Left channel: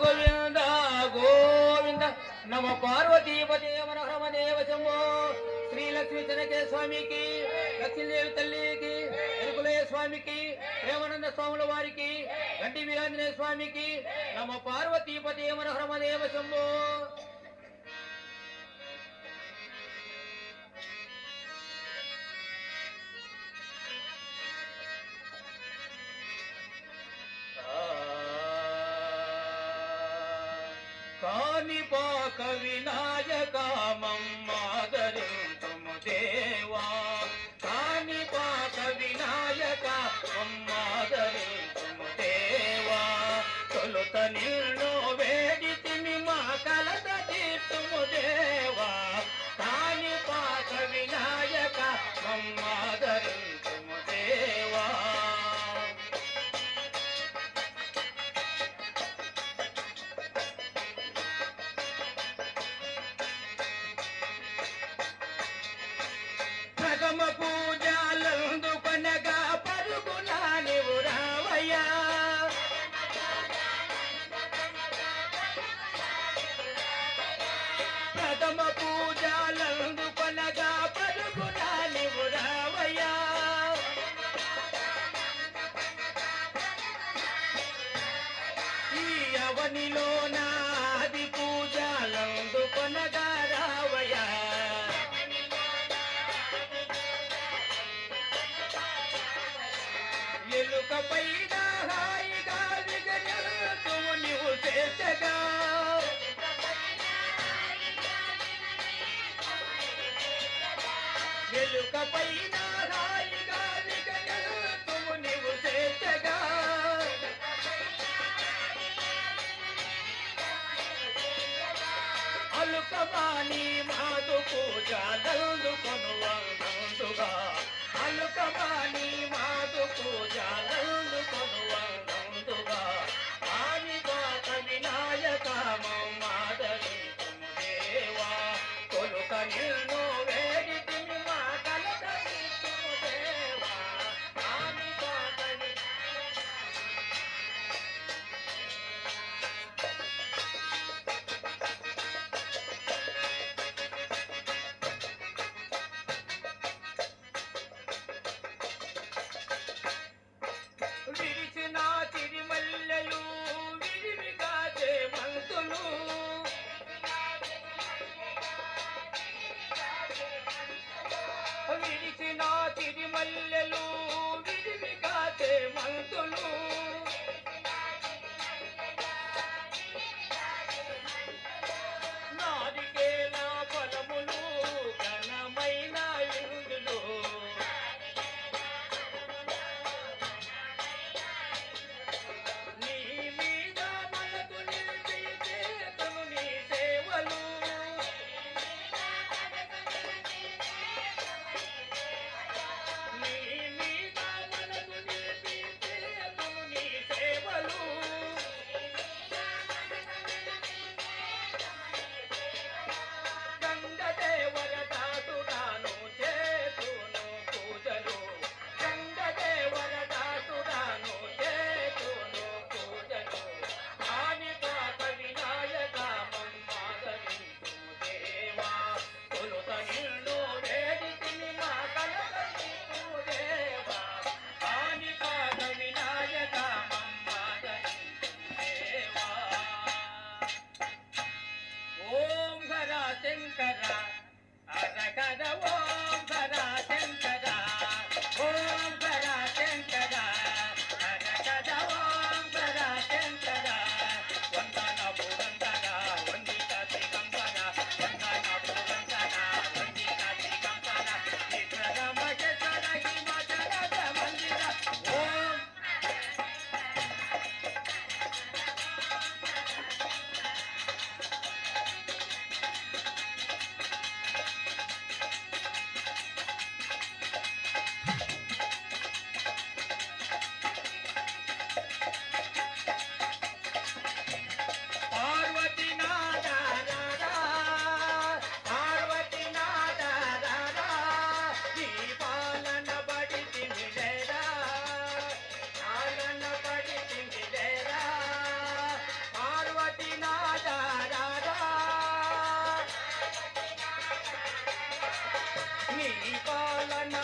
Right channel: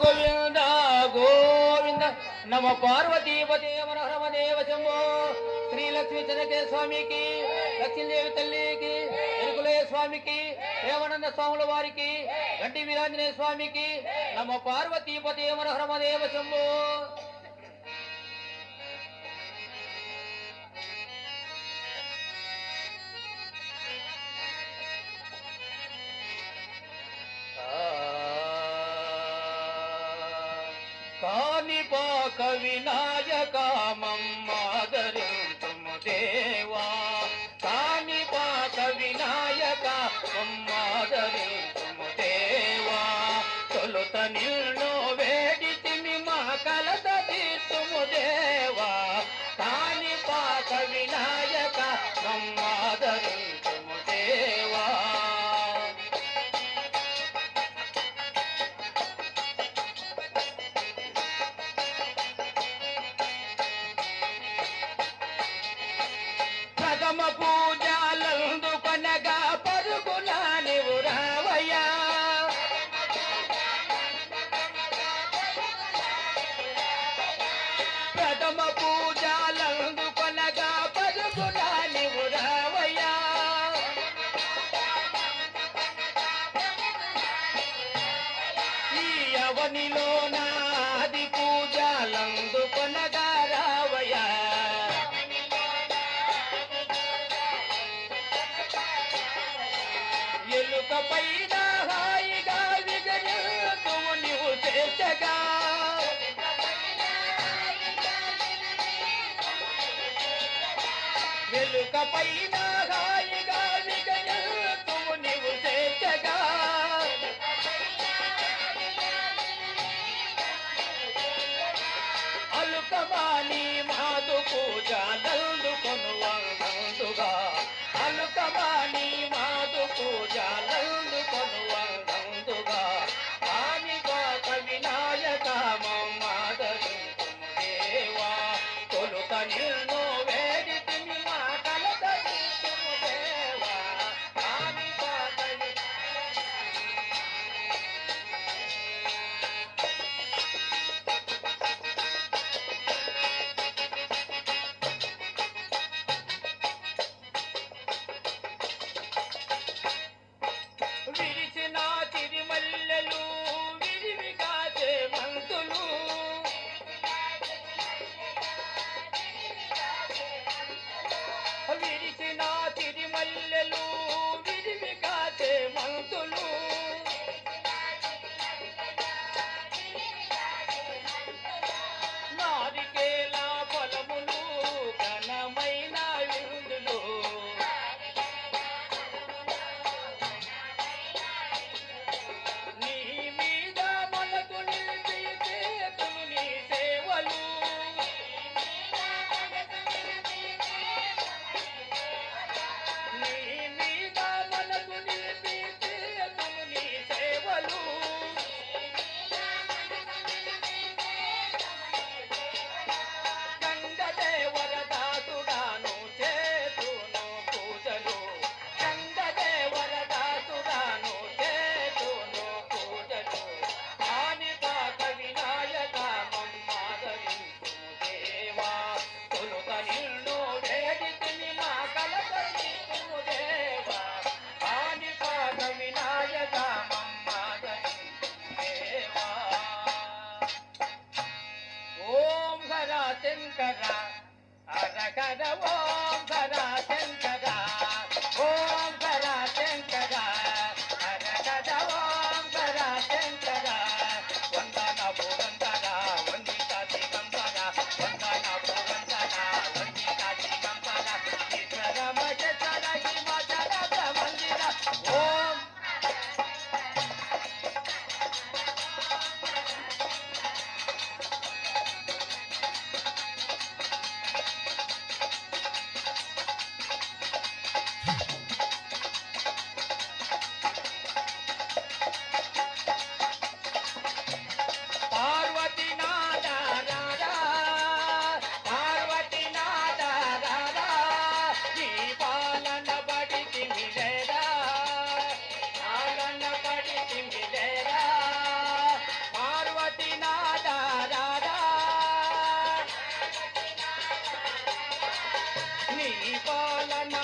గోవింద గోవింద నమ పార్వతీపతే మనోహరమదేవ శంభో శ్రీ లక్ష్మీ చెనకే స్వామికి లక్ష్మీదేవి తల్లికి ఎరుకులయ్య స్వామికి ప్రేమానంద స్వాముల వారికి గంటి వీరాంజనేయ స్వామికి నమ పార్వతీపతే మనోహరమదేవ శంభో కాణిపాక వినాయక మమ్మాదరింతుము దేవా కాణిపాక వినాయక మమ్మాదరింతుము దేవా తొలుత నిన్ను వేడితిమి మా కలత తీర్చుము దేవా కాణిపాక వినాయక మమ్మాదరింతుము దేవా ప్రథమ పూజలందుకొనగా పరుగున నీవు రావయ్యా ప్రథమ పూజలందుకొనగా పరుగున నీవు రావయ్యా ఈ అవనిలో నాది పూజలందుకొనగా రావయ్యా ఎలుక పైన హాయిగా విగనిల్తుము నీవు చేసగా ఎలుక పైన హాయిగా విగనిల్తుము నీవు చేసగా అలుకమాని మాదు పూజలందుకొను వందుగా అలుకమాని మాదు పూజలందుకొను వందుగా కాణిపాక వినాయక మమ్మాదరింతుము దేవా తొలుత నిన్ను వేడితిమి మా కలత తీర్చుము దేవా కాణిపాక విరిచిన తిరిమల్లెలు విరివిగా చేమంతులు విరిచిన తిరిమల్లెలు విరివిగా చేమంతులు నారికేల ఫలములు ఘనమైన విందులు నీ మీద మనకు నిలిపి చేతులు నీ సేవలు నీ మీద మనకు నిలిపి చేతులు నీ సేవలు గంగదేవరదాసుడాను చేతును పూజలు గంగదేవరదాసుడాను చేతును పూజలు కాణిపాక వినాయక మమ్మాదరింతుము దేవా తొలుత నిన్ను వేడితిమి మా కలత తీర్చుము దేవా కాణిపాక వినాయక మమ్మాదరింతుము దేవా ఓం హర శంకర హర హర ఓం హర శంకర ఓం హర శంకర హర హర ఓం హర శంకర వందన పురందర వందిత దిగంబర వందన పురందర వందిత దిగంబర ఈశ్వర మహేశ్వర హిమచర మందిర ఓం పరిపాలన